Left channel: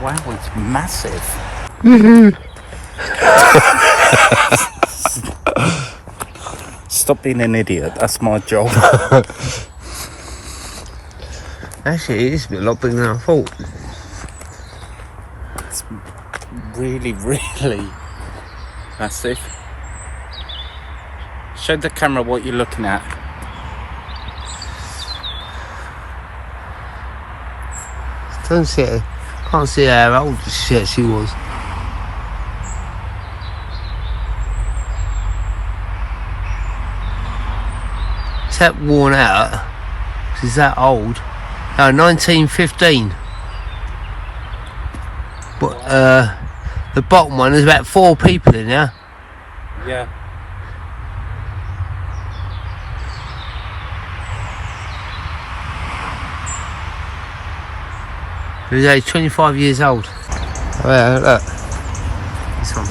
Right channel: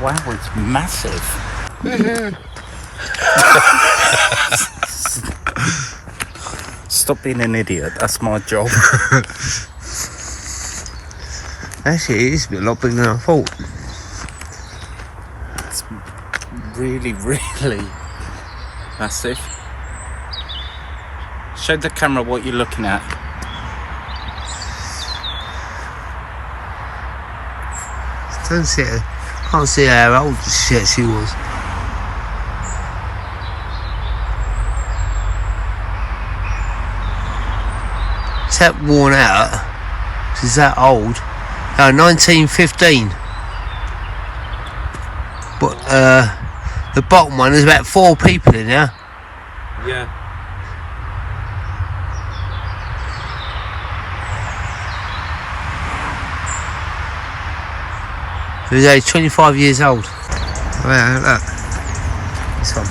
Wow, it's massive. Stop being an idiot, that's my job. Actually, it is a lot bigger than I thought. It's really, really massive. Show the camera what you're looking at. Can't see how old she actually was. It's that worn out. She's that old. 1915. But the bottom one, there's about 4 people in there. Yeah. He was 25 years old. Oh yeah, look. This one.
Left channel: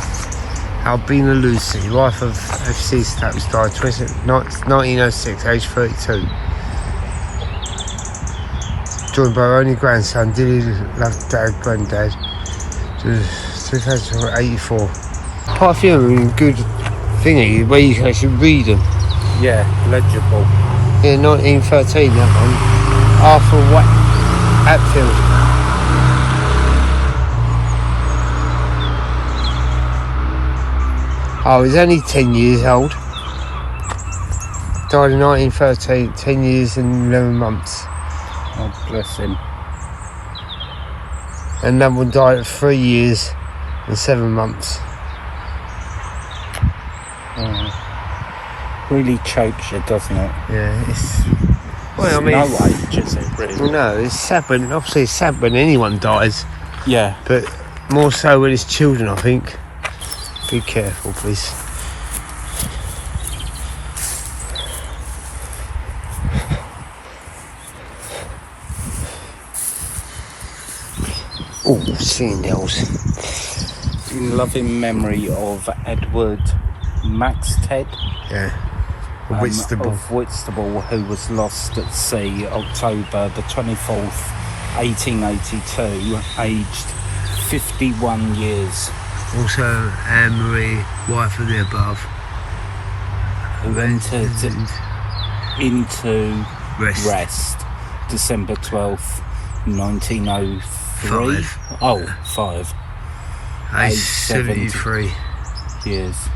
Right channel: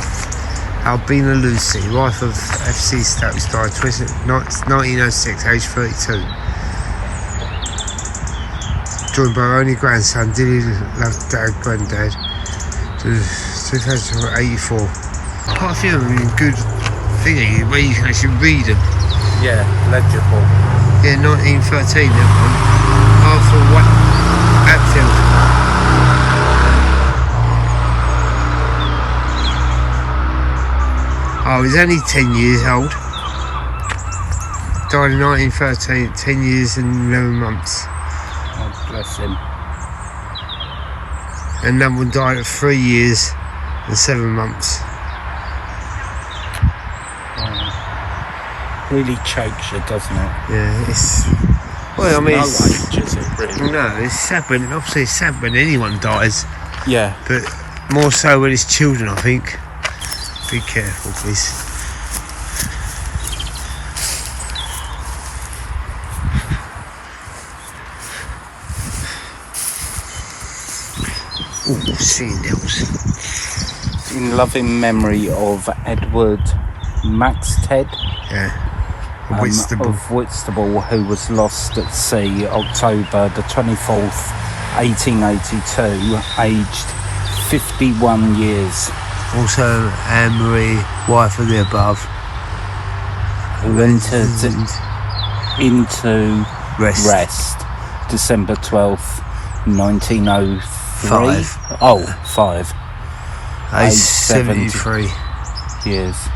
Albina Lucy, wife of FC Stokes, died 1906, age 32. Joined by her only grandson, Dilly loved dad, granddad. 2084. Quite a few of them in good thingy, where you can actually read them. Yeah, legible. Yeah, 1913, that one. Arthur Hatfield. Oh, he's only 10 years old. Died in 1913, 10 years and 11 months. Oh, bless him. And another one died at 3 years and 7 months. Oh. Really chokes you, doesn't it? Yeah, it's... Well, I mean, no age, is it, really? No, it's sad when, obviously it's sad when anyone dies. Yeah. But more so when it's children, I think. Be careful, please. Oh, Seandales. In loving memory of Edward Maxted. Yeah. Whitstable. Of Whitstable, who was lost at sea October the 24th, 1882, aged 51 years. Also, Anne-Marie, wife of the above, who entered into rest December 12th, 1903. 5. Age 73 years.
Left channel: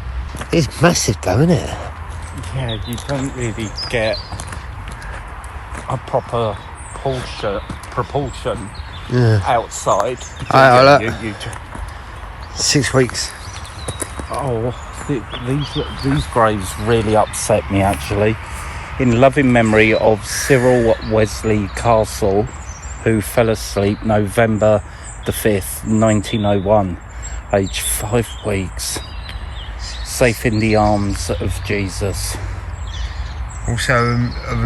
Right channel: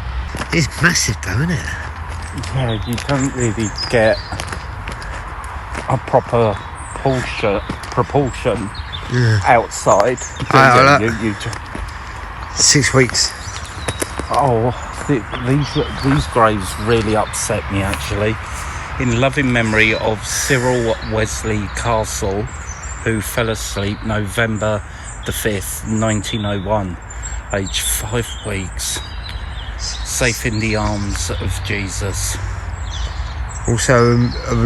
It's massive though, isn't it? Yeah, you don't really get a proper proportion outside. You 6 weeks. Oh, these graves really upset me, actually. In loving memory of Cyril Wesley Castle, who fell asleep November the 5th, 1901, aged 5 weeks, safe in the arms of Jesus. Also of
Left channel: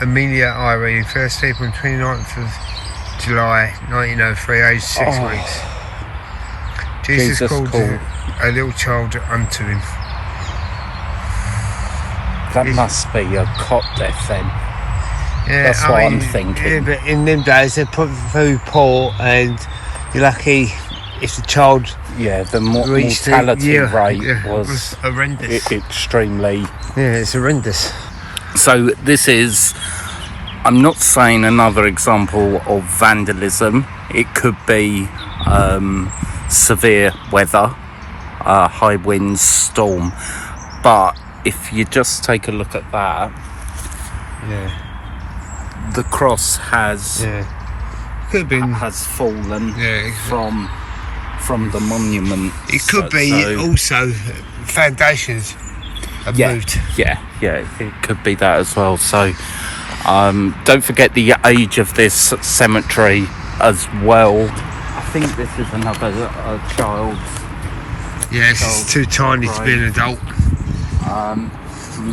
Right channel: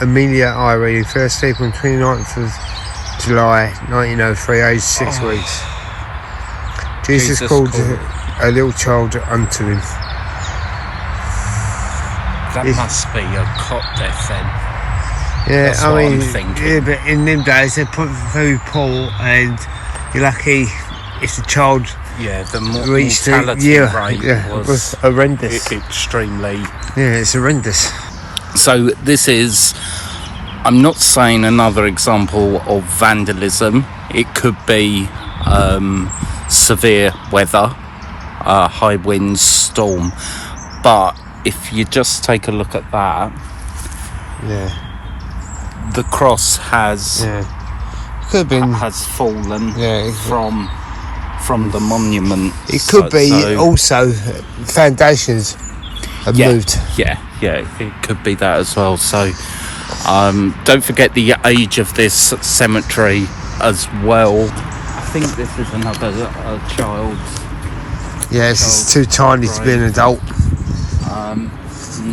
Amelia Irene, first sleep on 29th of July 1903, aged 6 weeks. Jesus called a little child unto him. That must be a cot death then. Yeah, that's what I'm thinking. Yeah, but in them days they're very poor, and you're lucky if the child the mortality rate was horrendous. Extremely. Yeah, it's horrendous. So this is, I'm not saying another example of vandalism. It could be severe weather, high winds, storm, but if you just take a look at that, the cross has fallen from the monument. It could be also foundations have moved. Yeah, it could be that as well. So don't forget the age of this cemetery as well. I think this is another child. Yeah, it's too tiny to be an adult. I'm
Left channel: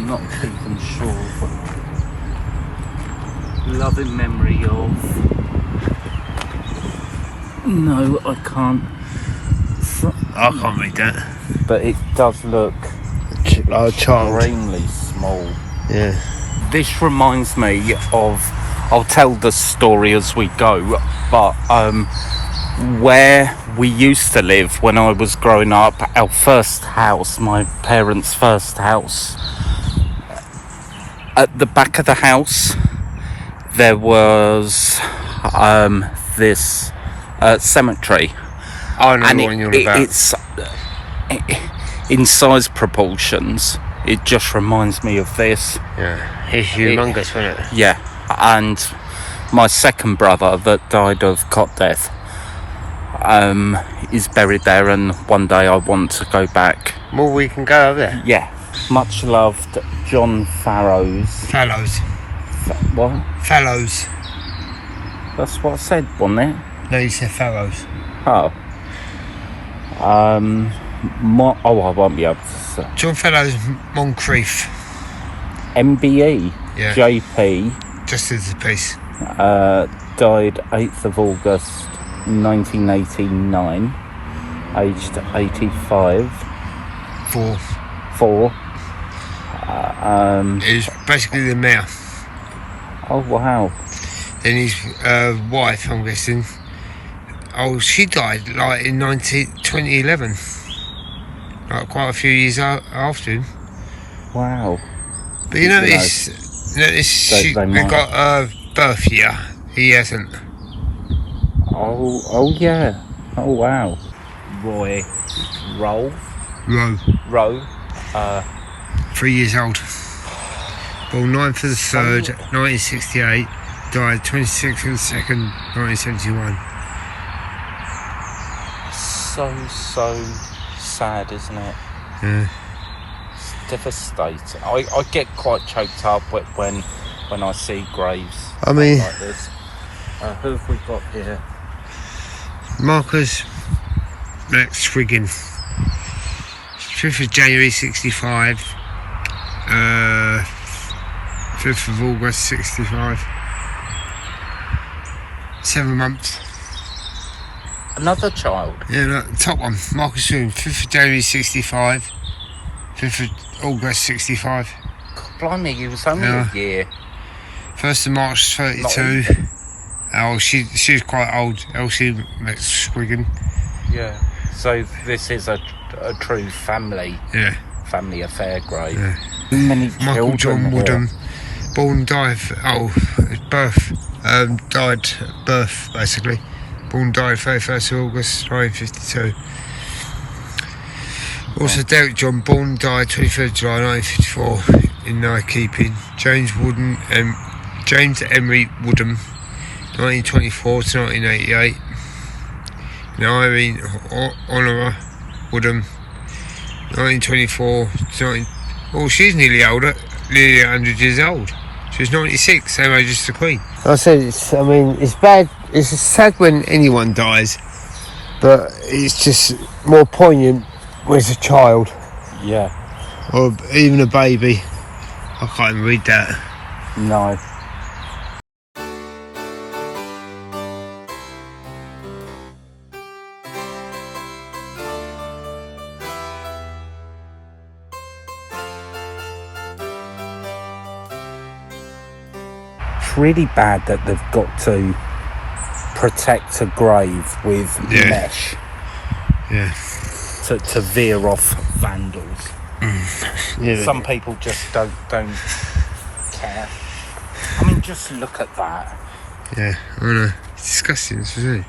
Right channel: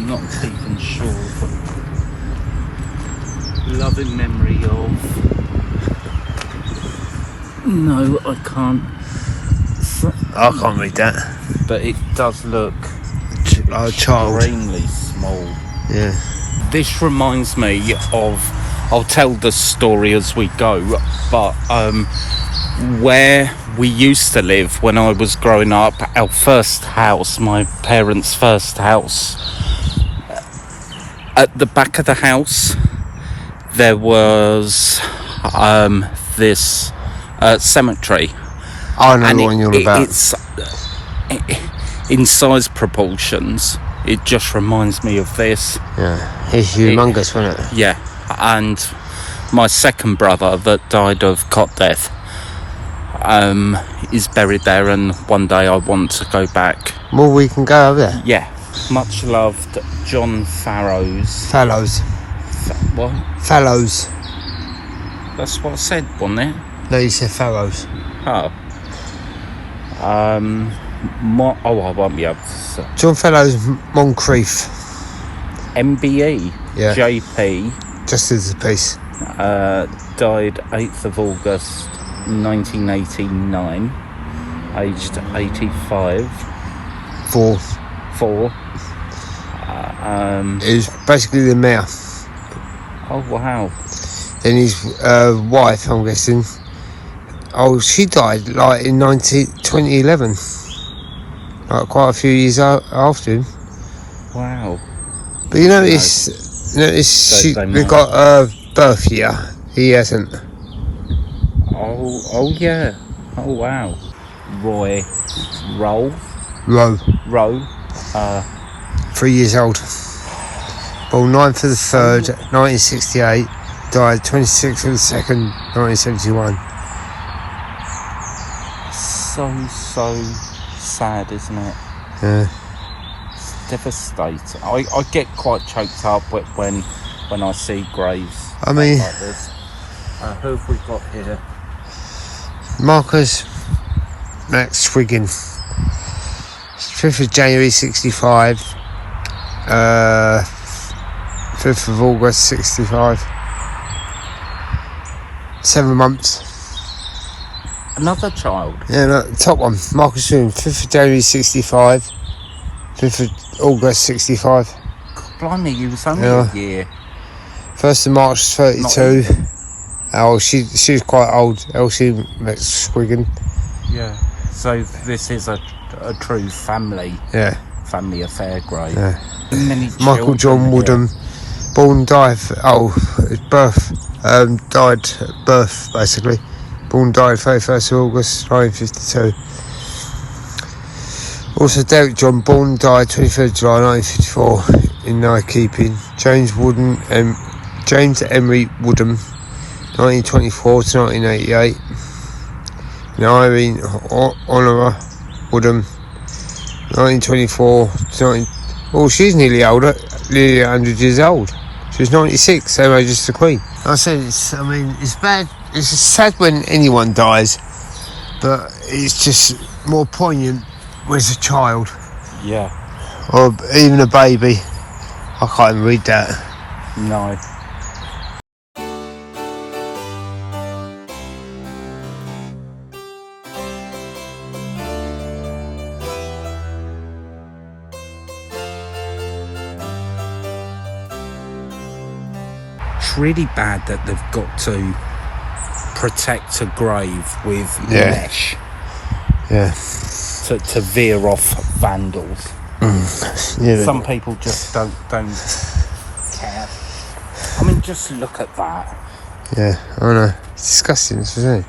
not even sure. Loving memory of... No, I can't. I can't read that. But it does look extremely small. Yeah. This reminds me of... I'll tell the story as we go, but where we used to live when I was growing up, our first house, my parents' first house, at the back of the house there was this cemetery, I know and what you're about. it's in size proportions. It just reminds me of this. Yeah, it's humongous, wasn't it? Yeah, and my second brother that died of cot death is buried there, and one day I want to go back. Well, we can go over there. Yeah, much loved John Farrows. Fallows. What? Fallows. That's what I said, wasn't it? No, you said Fallows. Oh. I won't be able to say. John Fallows, Moncrief. MBE. Yeah. JP. Just as a piece. Died 8th of August 1989, aged 85. Four. It was basically the mayor. Oh wow. Then his wife, I'm guessing. Oh, she died like in 2011. Like quite a few years after him. Wow. But you notice they got a birth year. He hasn't. Oh yeah. Oh wow. Rowe. 3 years old. Born 9th of the 3rd, 1968. Died 26th of the 2nd, 1971. So sad, isn't it? Yeah. It's devastating. I get quite choked up when I see graves. I mean, who have we got here? Marcus Max Swiggin. 5th of January 65. 5th of August 65. 7 months. Another child. Yeah, no, top one. Marcus Swiggin. 5th of January 65. 5th of August 65. Blimey, you was only a year. 1st of March 32. Oh, she was quite old. Elsie Swiggin. Yeah. So this is a true family. Yeah. Family affair grave. Yeah. Many Michael John Woodham. Born, died. Birth. Died at birth, basically. Born, died 31st of August 1952. Also, Derek John. Born, died 23rd July 1954 in night keeping. James Emery Woodham. 1924 to 1988. And Irene Honora Woodham. 1924 to 19... Oh, she's nearly 100 years old. She was 96, same age as the Queen. I said, it's bad. It's sad when anyone dies, but it's just more poignant when it's a child. Yeah. Or even a baby. I can't even read that. No. It's really bad that they've got to protect a grave with mesh. Yeah. To veer off vandals. Yeah. Some people just don't care. I mean, just look at that. Yeah, I know. It's disgusting, isn't it?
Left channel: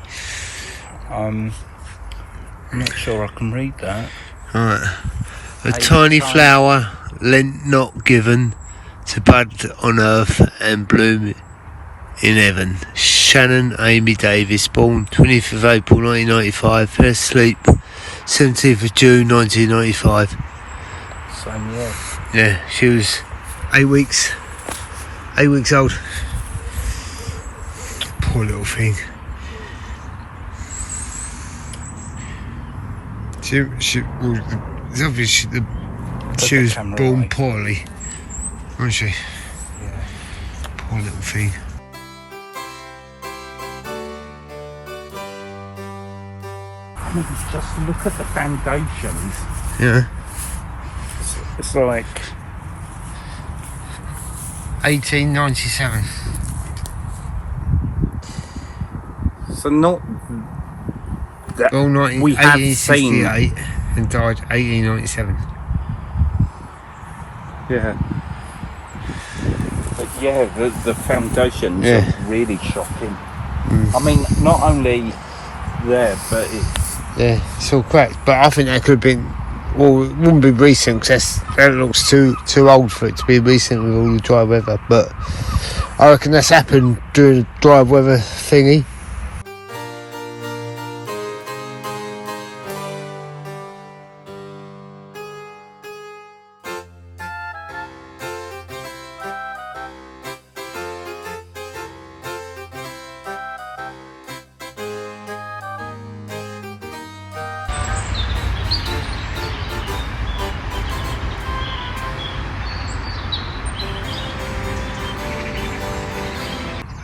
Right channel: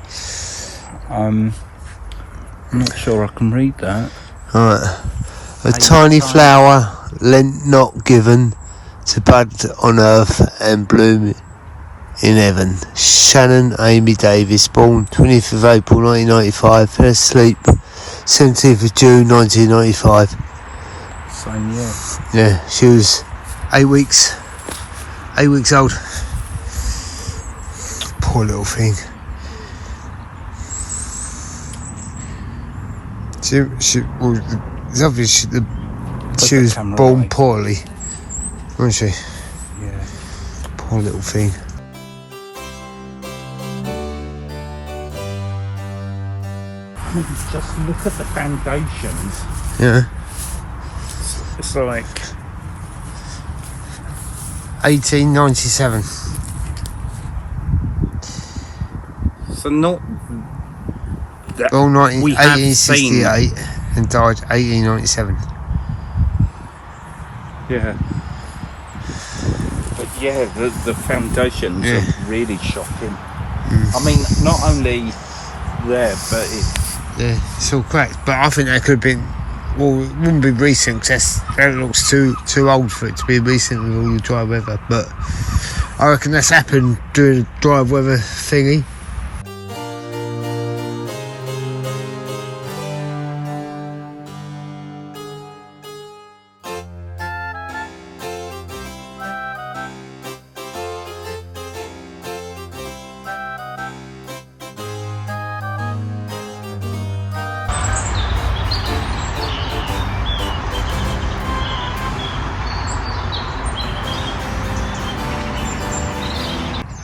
I'm not sure I can read that. Alright. A tiny flower lent not given to bud on earth and bloom in heaven. Shannon Amy Davis, born 20th of April 1995, fell asleep 17th of June 1995. Same year. Yeah, she was 8 weeks old. Poor little thing. It's obvious she was born poorly, wasn't she? Yeah. Poor little thing. I mean, just look at the foundations. Yeah. It's like 1897. so not Born we have seen. 1868 and died 1897. Yeah. But yeah, the foundations Yeah. are really shocking. I mean, not only there, but It's all cracked. But I think that could have been, well, it wouldn't be recent because that looks too old for it to be recent with all the dry weather. But I reckon that's happened during the dry weather thingy.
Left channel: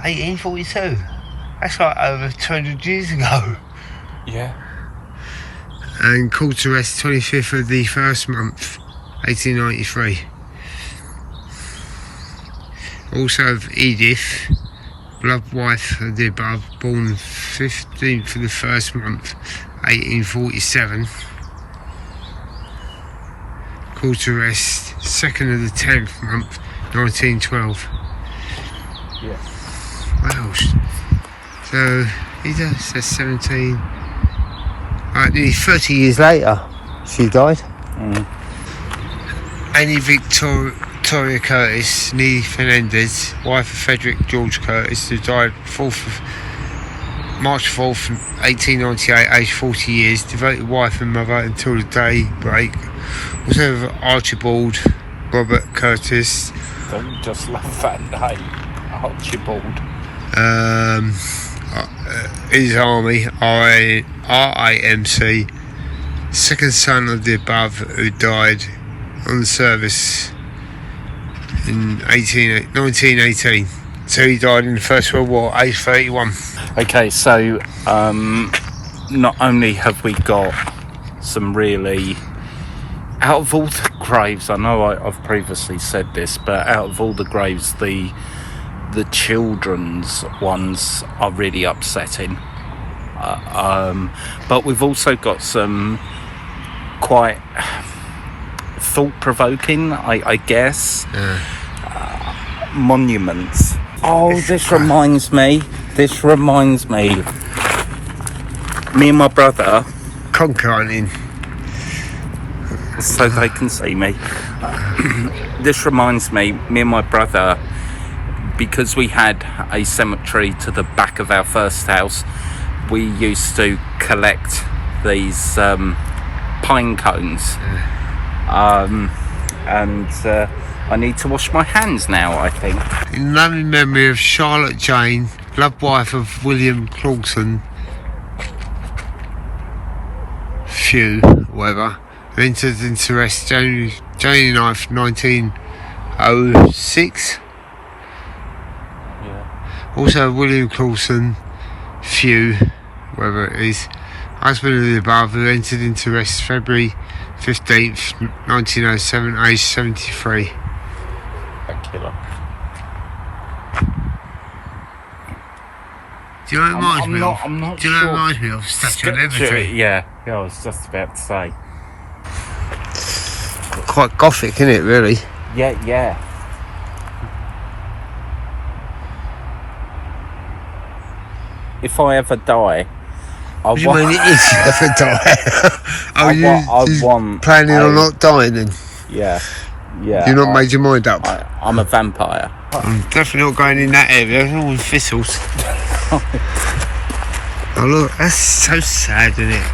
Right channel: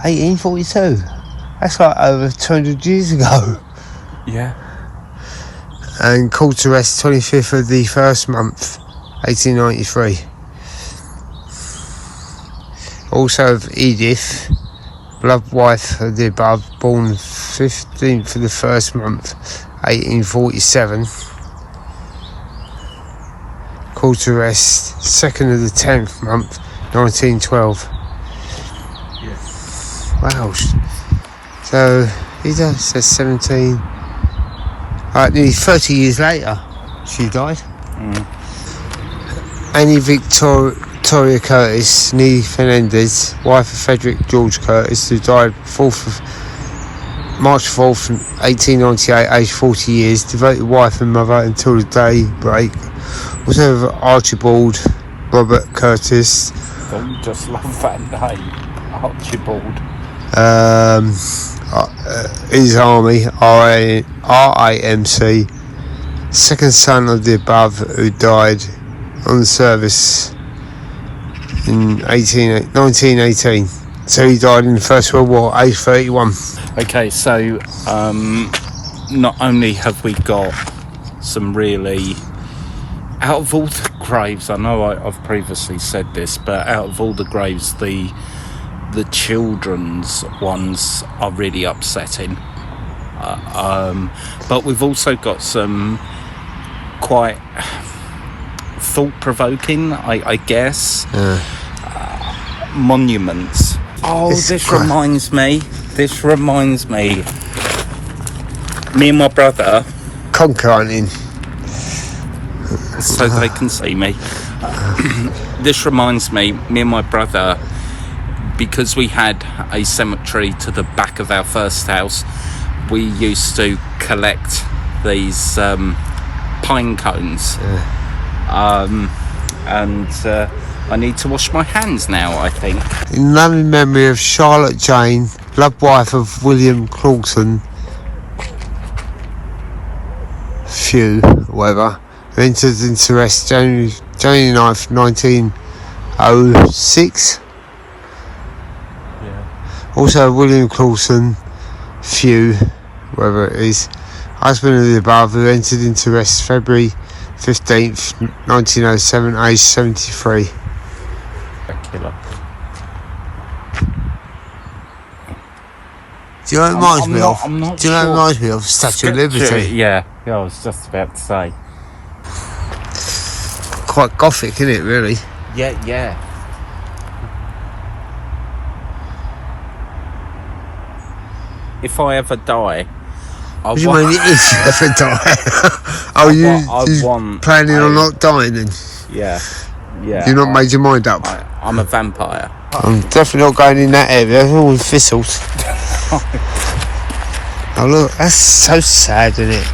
$1842. That's like over 200 years ago. yeah. And called to rest 25th of the first month, 1893. Also of Edith, beloved wife of the above, born 15th of the first month, 1847. Called to rest 2nd of the 10th month, 1912. Wow. So he does, that's 17. Nearly 30 years later, she died. Annie Victoria Curtis, nee Fernandez, wife of Frederick George Curtis, who died March 4th, 1898, aged 40 years, devoted wife and mother until the day break. Also of Archibald Robert Curtis. Don't just love that name, Archibald. His army, RAMC, second son of the above, who died on the service in 1918. So he died in the First World War, age 31. Okay, so not only have we got some really, out of all the graves, I know I've previously said this, but out of all the graves, the children's ones are really upsetting. But we've also got some quite thought-provoking, I guess, monuments. Oh, this reminds me. Me and my brother Conker hunting. so they can see me. This reminds me and my brother, because we had a cemetery to the back of our first house, we used to collect these pine cones. And I need to wash my hands now, I think. In loving memory of Charlotte Jane, loved wife of William Clawson, Few, whatever, who entered into rest January 9th, 1906. Also William Clawson, Few, whatever it is, husband of the above, who entered into rest February 15th, 1907, aged 73. Do you know what it reminds me of? Do you know what it reminds me of? Statue of Liberty. Yeah, I was just about to say. Quite gothic, isn't it, really? Yeah. If I ever die, What do you mean if you ever die? You planning on not dying then? Yeah. You've not made your mind up? I'm a vampire. I'm definitely not going in that area. It's all thistles. Oh look, that's so sad, isn't it?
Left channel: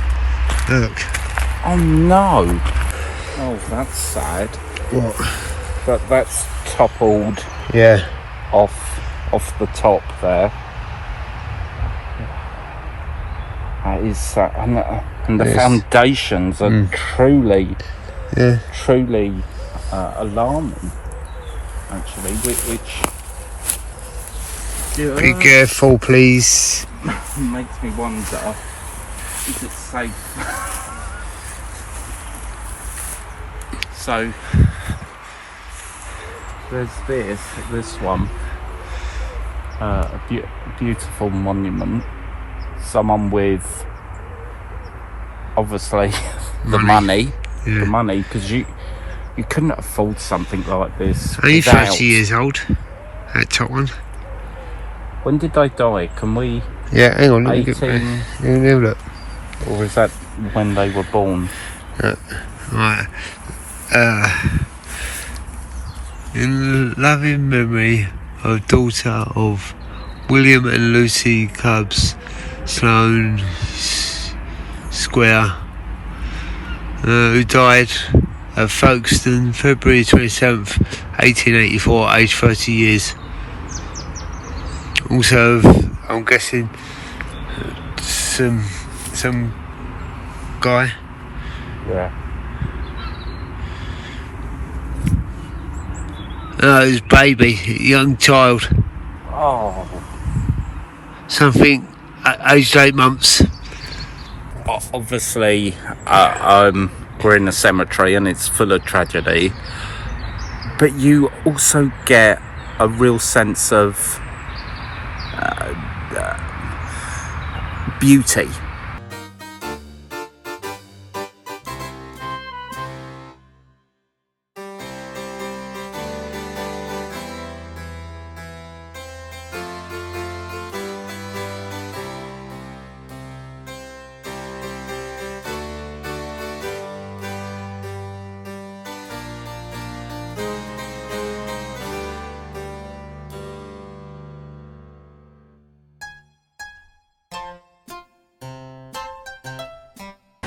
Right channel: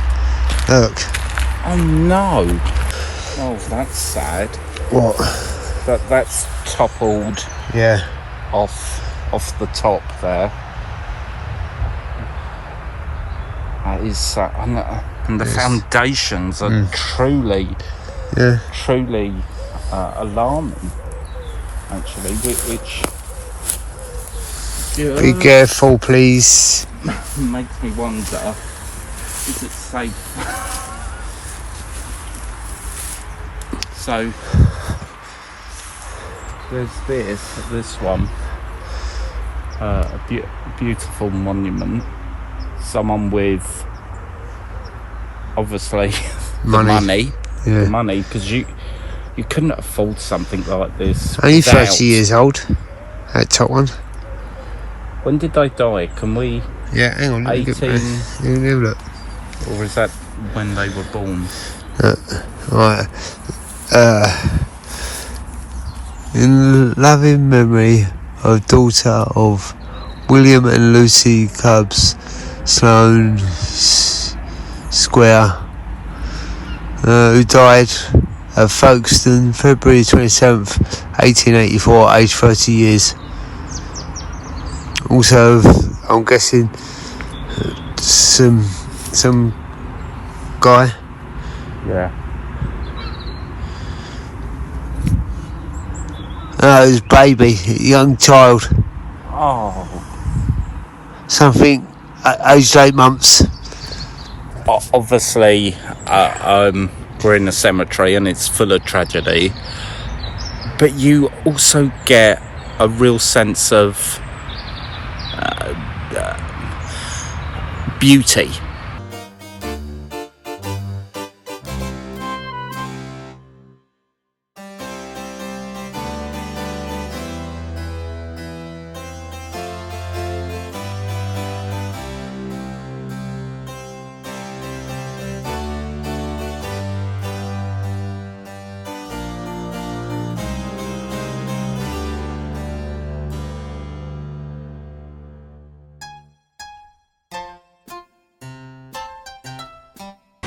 Look. Oh no. Oh, that's sad. What? That's toppled. Yeah. Off the top there. That is so, and the foundations are truly alarming. Actually, which be careful, please. Makes me wonder: is it safe? So there's this one, a beautiful monument. Someone with obviously Money. the money, because you couldn't afford something like this. Only without- 30 years old, that top one. When did they die? Can we? Yeah, hang on, let me get 18, let me have a look. or was that when they were born? Right. In loving memory of daughter of William and Lucy Cubs, Sloane Square, who died at Folkestone, February 27th, 1884, aged 30 years. Also, I'm guessing some guy. Yeah. It was baby, young child, Oh. something aged 8 months. Obviously, we're in a cemetery and it's full of tragedy, but you also get a real sense of beauty.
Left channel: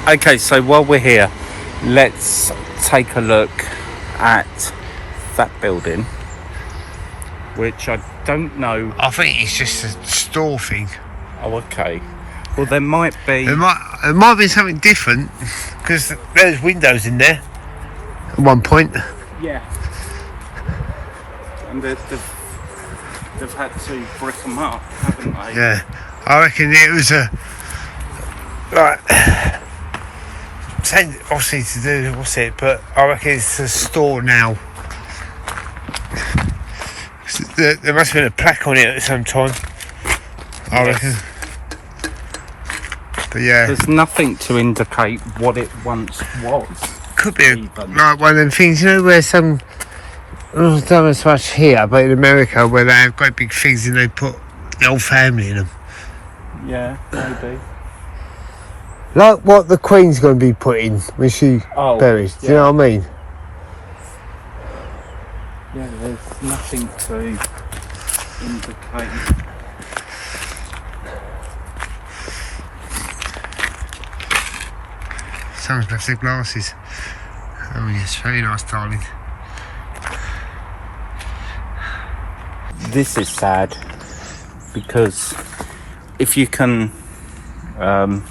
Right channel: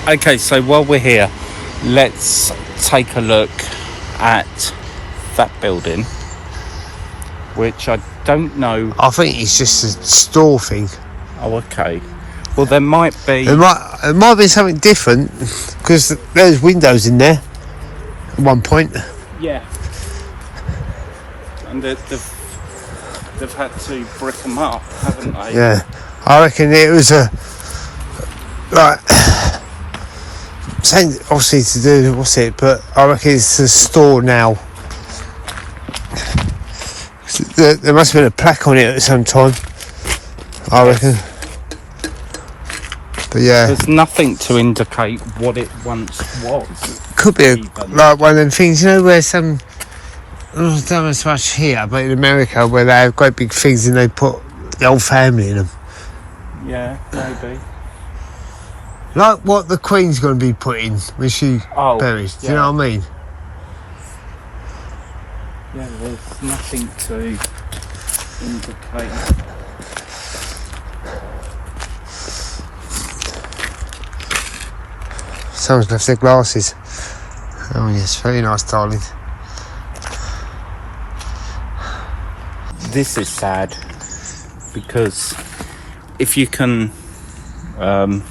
Okay, so while we're here, let's take a look at that building, which I don't know. I think it's just a store thing. Oh, okay. Well, there might be. It might be something different, because there's windows in there at one point. Yeah. And they've had to brick them up, haven't they? Yeah, I reckon it was a saying obviously to do but I reckon it's a store now. There must have been a plaque on it at some time, I reckon. But yeah, There's nothing to indicate what it once was. could be even. like one of them things, where some, I don't know so much here, but in America where they have great big things and they put the whole family in them. Yeah, maybe. Like what the Queen's going to be put in when she buries. Do you know what I mean? Yeah, there's nothing to indicate. Someone's left their glasses. Oh yes, very nice, darling. This is sad because if you can I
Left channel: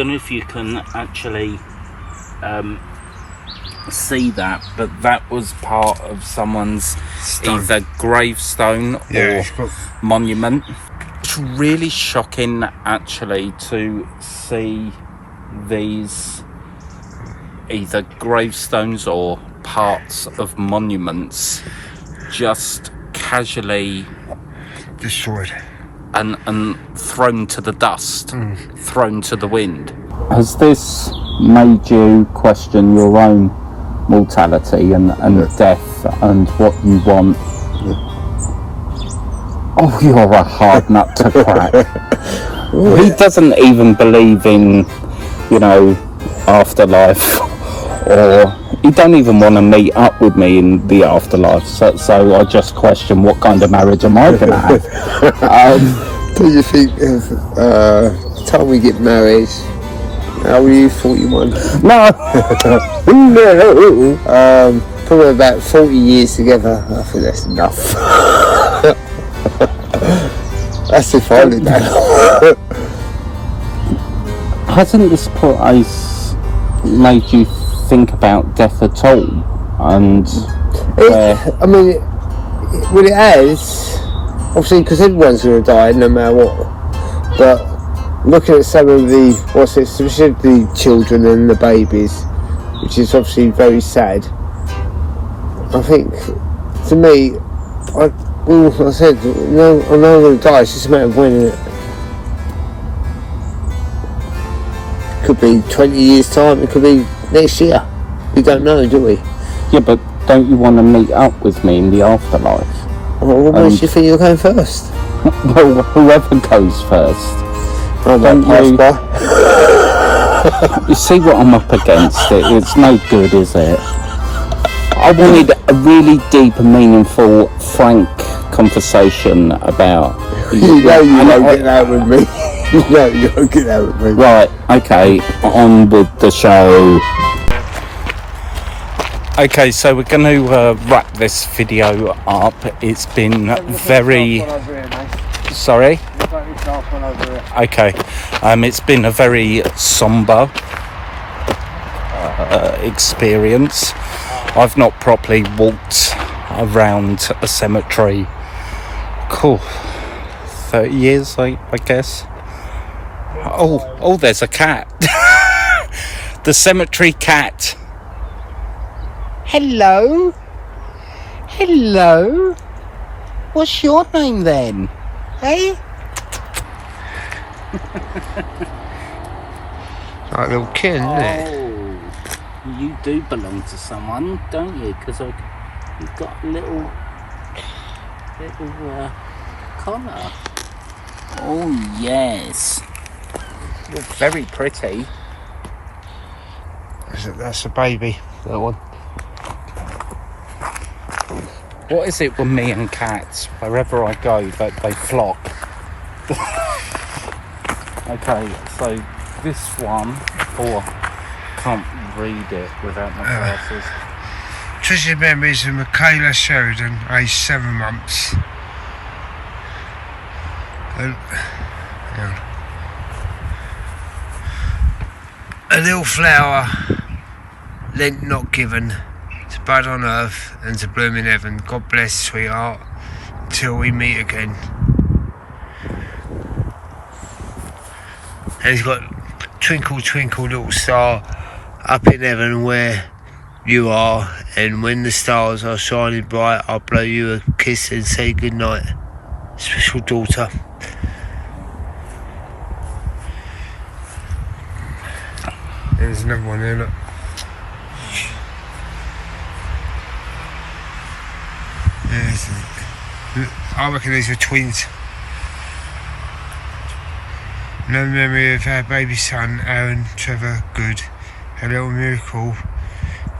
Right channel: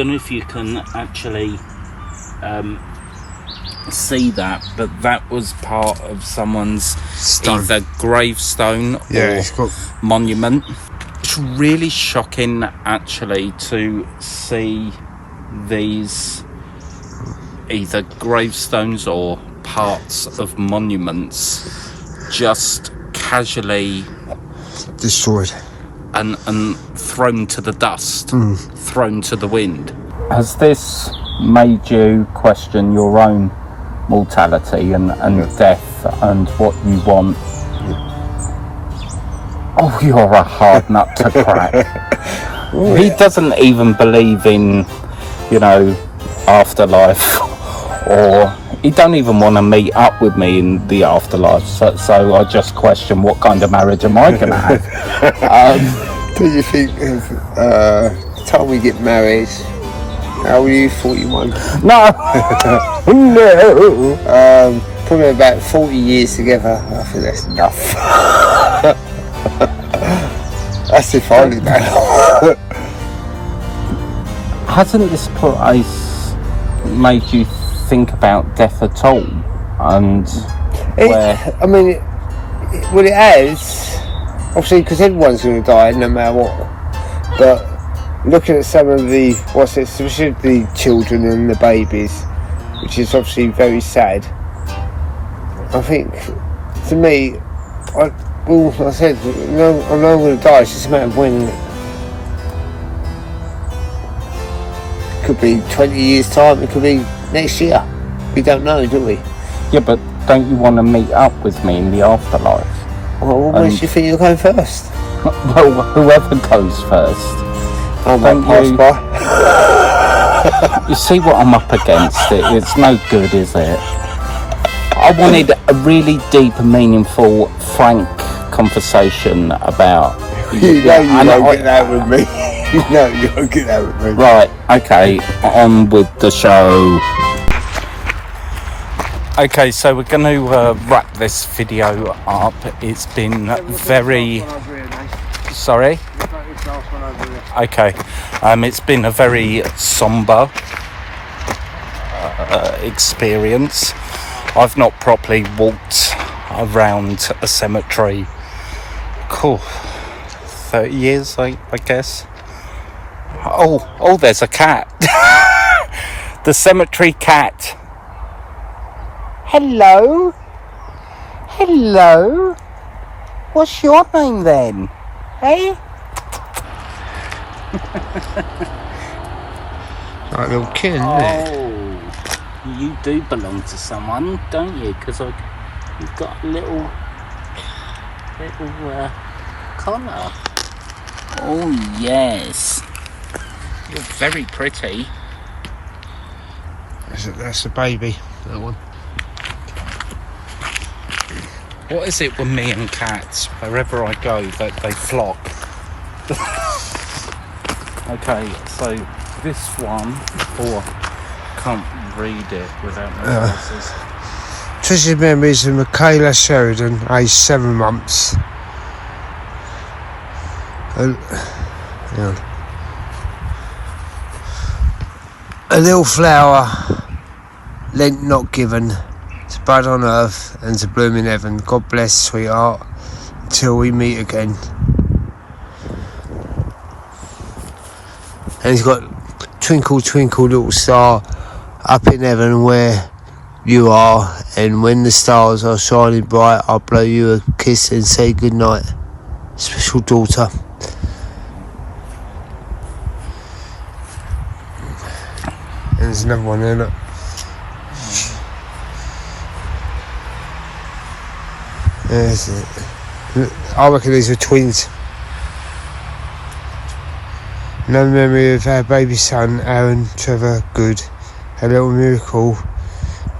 don't know if you can actually see that, but that was part of someone's either gravestone or monument. It's really shocking actually to see these either gravestones or parts of monuments just casually destroyed and thrown to the dust, thrown to the wind. Has this made you question your own mortality and death and what you want? Oh, you're a hard nut to crack. He doesn't even believe in, afterlife, or he don't even want to meet up with me in the afterlife. So I just question, what kind of marriage am I going to have? What do you think of the time we get married? How were you, 41? No. No. Probably about 40 years together. I think that's enough. That's if I live now. Hasn't this place made you think about death at all? And it has, obviously, because everyone's going to die no matter what. But looking at some of especially the children and the babies, which is obviously very sad. I think, to me, I said, I'm not going to die. It's just a matter of when. could be 20 years time, it could be next year. We don't know, do we? Yeah, but don't you want to meet up with me in the afterlife? Well, where do you think you're going first? Well, whoever goes first. I might pass by. You see what I'm up against? It's no good, is it? I wanted a really deep and meaningful, frank conversation about... You know you won't get that with me. You know you won't get that with me. Right, okay, on with the show. Okay, so we're going to wrap this video up. It's been very... Sorry? Okay, it's been a very sombre experience. I've not properly walked around a cemetery. Cool. 30 years, I guess. Oh, there's a cat. The cemetery cat. Hello? Hello? What's your name then? Hey? Like a little kid, isn't it? Oh, you do belong to someone, don't you? Because you've got a little collar. Oh yes, you're very pretty. That's a baby, that one. What is it with me and cats? Wherever I go, they flock. Okay, so this one, I can't read it without my glasses. Treasured memories of Michaela Sheridan, aged 7 months. Hang on. A little flower, lent not given, to bud on earth and to bloom in heaven. God bless, sweetheart, till we meet again. And he's got twinkle, twinkle, little star, up in heaven where you are, and when the stars are shining bright, I'll blow you a kiss and say good night, special daughter. And there's another one there, look. There's it. I reckon these were twins. No memory of our baby son, Aaron Trevor Good, a little miracle.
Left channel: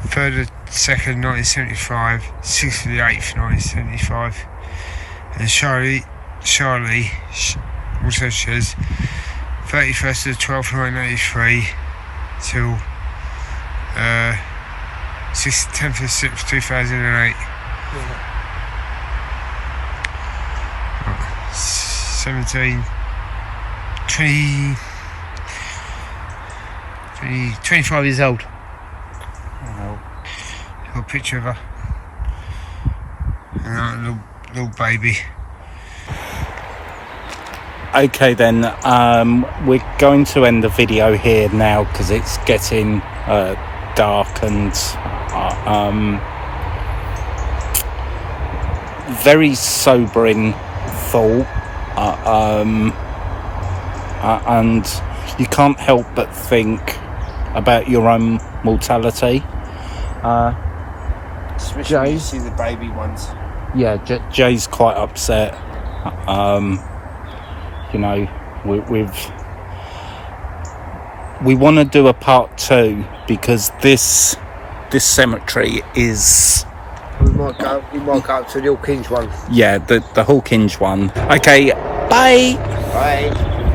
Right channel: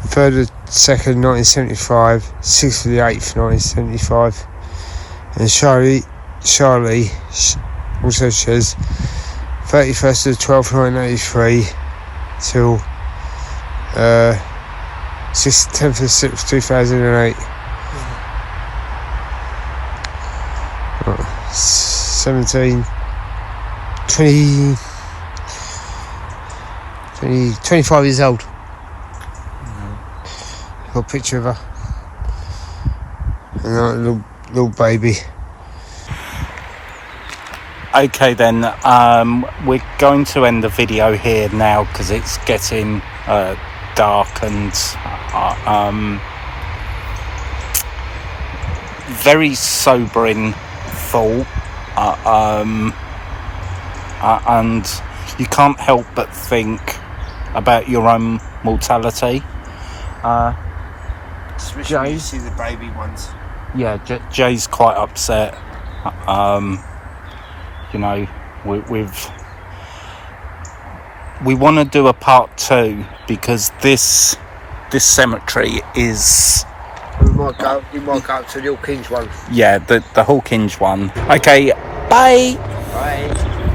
3rd of 2nd, 1975, 6th of the 8th, 1975. And Charlie also says 31st of the 12th, 1983 till 10th of the 6th, 2008. Yeah. 17, 20, 25 years old. Got a picture of her and a little baby. Okay then, we're going to end the video here now because it's getting dark and very sobering thought, and you can't help but think about your own mortality. Especially Jay? when you see the baby ones. Yeah, Jay's quite upset. You know, we want to do a part 2 because this cemetery is... We might go up to the Hawkinge one. Yeah, the Hawkinge one. Okay, bye! Bye.